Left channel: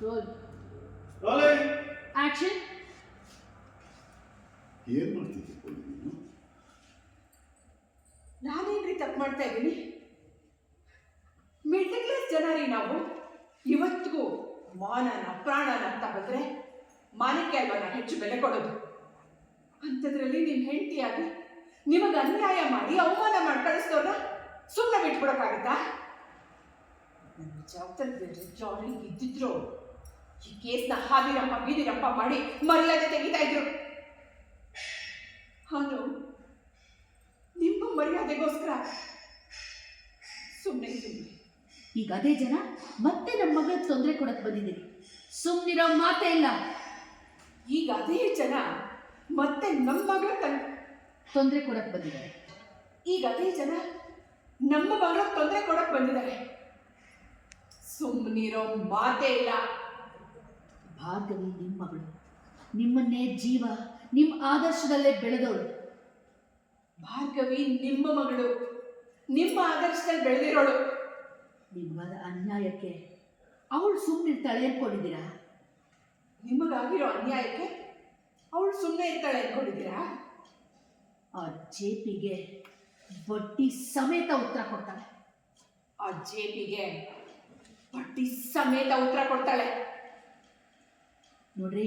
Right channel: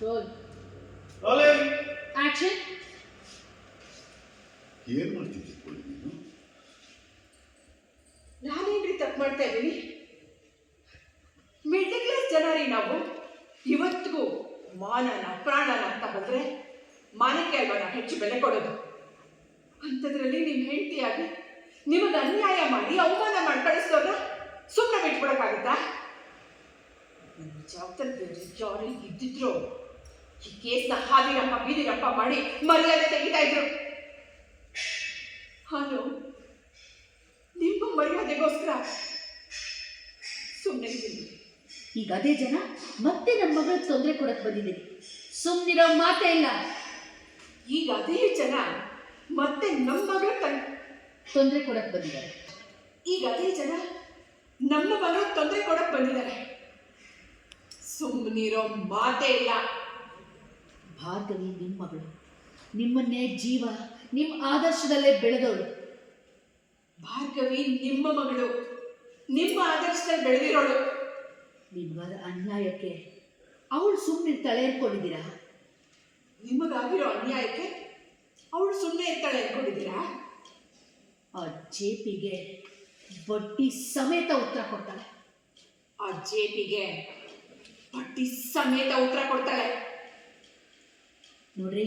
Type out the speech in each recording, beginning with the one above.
Roll rolling action. ಏನು ಮಾಡ್ತಿದ್ದೆ ಪೋಲಿ ನೀನು? ನಾನೇನ್ರಿ ತಪ್ಪು ಮಾಡ್ತಾ ಇದ್ದೀನಿ? ಮಿಡ್ಲ್ ಕ್ಲಾಸ್ ಜನ ರೀ ನಾವು. ಇವತ್ತಿಗೂ ಮಾನನ ಪ್ರಾಣನ ಅಂತ ಬಂದರೆ ಮಾನಕ್ಕೆ ಅಲ್ವಾ ನಾವು ಹೆಚ್ಚು ಬೆಲೆ ಕೊಡೋದು. ಅಂಥದ್ರಲ್ಲಿ ನಿಮ್ಮ ಹೆಂಡತಿಯಾಗಿ ನಿಮಗೆ ಅನ್ಯಾಯ ಮಾಡಿ ಅವಮಾನ ಮಾಡಿ ಕಳಿಸ್ತವ್ರನ್ನ ಸುಮ್ಮನೆ ಬಿಟ್ಬಿಡೋಕ್ಕಾಗತ್ತಾ? ನಿಮ್ಮ ಜವಾಬ್ದಾರಿ ಯಾರು ಇದ್ದಿದ್ರು ಈ ಕೇಸ್ನ ಹಾದಿರಪ್ಪ ಬೀದಿರಪ್ಪ ಮಾಡಿ ಮರ್ಯಾದೆ ತೆಗಿತಾ ಇದ್ರು. ಹೌದು, ನಿಮ್ಮ ಮರ್ಯಾದೆಗೋಸ್ಕರ ಸುಮ್ಮನೆ ಇದ್ದೀನಿ. ಈಗ ಅದೇ ಜನ ಮತ್ತೆ ನಮ್ಮ ಮಗಳಿಗೆ ತೊಂದರೆ ಕೊಡಕ್ಕೆ ಬಂದಿದ್ದೀರಿ. ಸುಮ್ಮನಿರೋ ಮಾತೇ ಇಲ್ಲ. ಈಗ ಅದೇ ಜನ ಮತ್ತೆ ನಮ್ಮ ಮಗಳ ತೊಂದರೆ ಕೊಡಕ್ಕೆ ಬಂದಿದ್ದಾರೆ. ಈಗ ಅದೇ ಜನ ನಮ್ಮ ಮಗಳ ತೊಂದರೆ ಕೊಡಕ್ಕೆ ಬಂದಿದ್ದಾರೆ. ಸುಮ್ಮನಿರೋ ಮಾತೇ ಇಲ್ಲ. ಭಾರ್ಗವಿ ನಿಮ್ಮ ಮಗಳು, ನಿಮ್ಮನ್ನೇ ಜೀವ ನಿಮ್ಮ ಆದರ್ಶದಲ್ಲೇ ಬೆಳೆದವಳು. ಭಾರ್ಗವಿ ನಿಮ್ಮ ಮಗಳು, ನಿಮ್ಮ ಆದರ್ಶದಲ್ಲಿ ಬೆಳೆದಿರೋಳು. ನಿಮ್ಮದ ಅನ್ಯಾಯಕ್ಕೆ ಅವಳು ಸುಮ್ಮನಿರ್ತಾಳೆ ಅಂದ್ಕೊಂಡಿದ್ದೀರಾ? ನಿಮಗಾಗಿರೋ ಅನ್ಯಾಯಕ್ಕೆ ಅವಳು ಸುಮ್ಮನೆ ಇರ್ತಾಳೆ ಅಂದ್ಕೊಂಡಿದ್ದೀರಾ? ಆ ಜೇಪಿಗೆ ಬಡ್ಡಿ ಸಮೇತ ಉತ್ತರ ಕೊಡ್ತಾಳೆ. ಆ ಜೇಪಿಗೆ ಬಡ್ಡಿ ಸಮೇತ ಉತ್ತರ ಕೊಡ್ತಾಳೆ. ನೋಡ್ರಿ,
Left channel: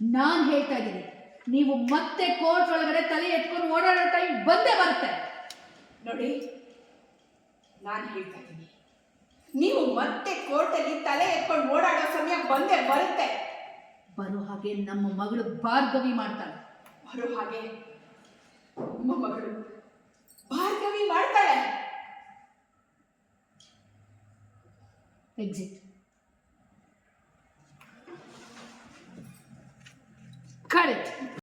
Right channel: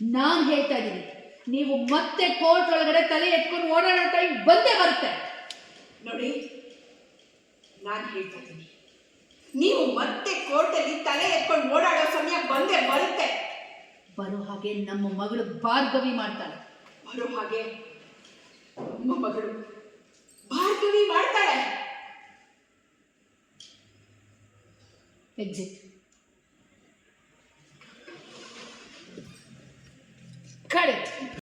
ನಾನು ಹೇಳ್ತಾ ಇದ್ದೀನಿ, ನೀವು ಮತ್ತೆ ಕೋರ್ಟ್ ಒಳಗಡೆ ತಲೆ ಎತ್ಕೊಂಡು ಓಡಾಡೋ ಟೈಮ್ ಬಂದೇ ಬರುತ್ತೆ. ನೋಡಿ, ನಾನು ಹೇಳ್ತಾ ಇದ್ದೀನಿ, ನೀವು ಮತ್ತೆ ಕೋರ್ಟಲ್ಲಿ ತಲೆ ಎತ್ಕೊಂಡು ಓಡಾಡೋ ಸಮಯ ಬಂದೇ ಬರುತ್ತೆ. ಬರೋ ಹಾಗೆ ನಮ್ಮ ಮಗಳು ಭಾರ್ಗವಿ ಮಾಡ್ತಾಳೆ. ಬರೋ ಹಾಗೆ ನಮ್ಮ ಮಗಳು ಭಾರ್ಗವಿ ಮಾಡ್ತಾಳೆ. ಎಕ್ಸಿಟ್.